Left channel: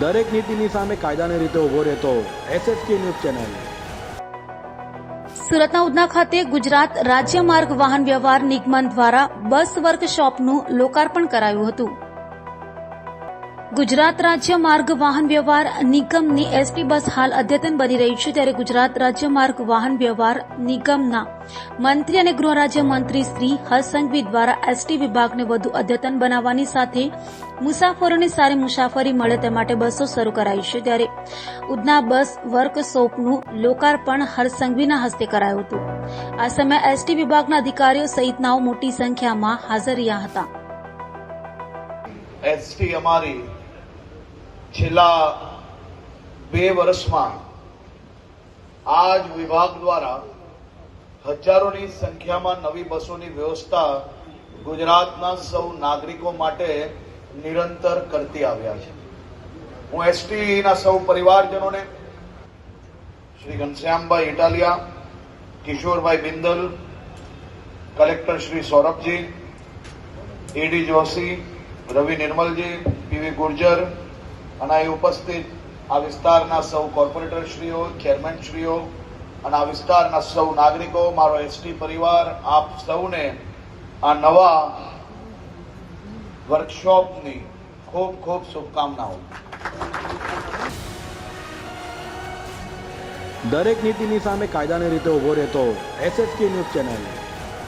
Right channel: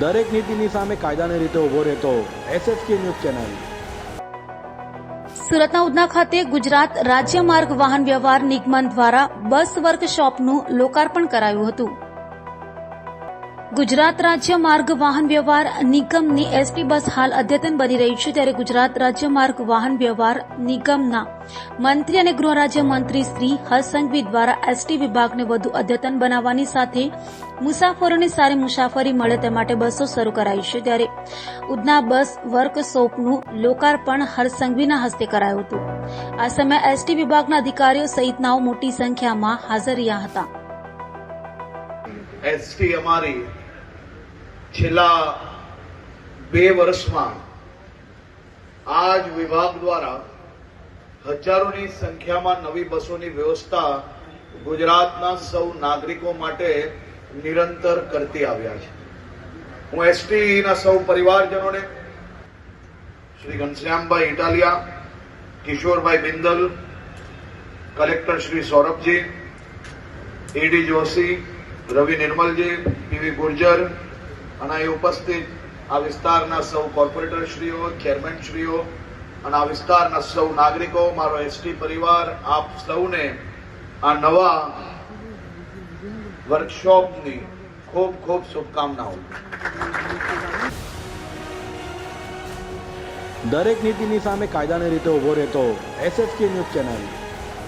દરેક નીતિની સામે કાયદાની રીતે ઊભો રહેતો એસએસકે ન્યૂઝ ચેનલ. સુરતના ઉધના ખાતે ગુજરાત રાજ્ય માર્ગ વાહન વ્યવહાર નિગમન દ્વારા બસ વર્કશોપનું લોકાર્પણ કરાયું હતું. ગુજરાત રાજ્ય માર્ગ વાહન વ્યવહાર નિગમની એસટી બસ હાલ અદ્યતન બની રહી છે ત્યારે ગુજરાત રાજ્ય માર્ગ વાહન વ્યવહાર નિગમના મંત્રી અને ગૃહ રાજ્ય મંત્રી શ્રી હર્ષ દ્વારા એસટી વિભાગને વધુ અદ્યતન બનાવવાની સાથે મુસાફરોને સારી મુસાફરી મળે તે માટે બસો શરૂ કરાઈ છે. ત્યારે ઉધના બસ વર્કશોપનું લોકાર્પણ હરસંઘવીના હસ્તે કરાયું હતું. આ સમયે એસટી વિભાગના અધિકારીઓ સહિતનાઓ મોટી સંખ્યામાં હાજર રહ્યા હતા. એસટી અમારી છેલ્લા બે વર્ષમાં આ જ વિભાગ દ્વારા હજારોની સંખ્યામાં નવી બસોની વ્યવસ્થા ગુજરાતના સૌ નાગરિકો માટે નિરંતર કરતી આવ્યા છે. હું એસટીના સૌ પરિવારજનોને Shri Ghanshyambhai Italiya, Kishorbhai Bindal, collector Shri Saurabhji AD Joshi Ravi Nirmalji, PV Gurjar અને અહીં ઉપસ્થિત આ વિસ્તારના સૌ કોર્પોરેટરશ્રીઓ, ચેરમેનશ્રીઓ અને આ વિસ્તારના સૌ નાગરિકો, મારો એસટી પરિવાર, આપ સૌને આ નવા વર્કશોપની ખૂબ ખૂબ શુભકામનાઓ. દરેક નીતિની સામે કાયદાની રીતે ઊભો રહેતો એસએસકે ન્યૂઝ ચેનલ.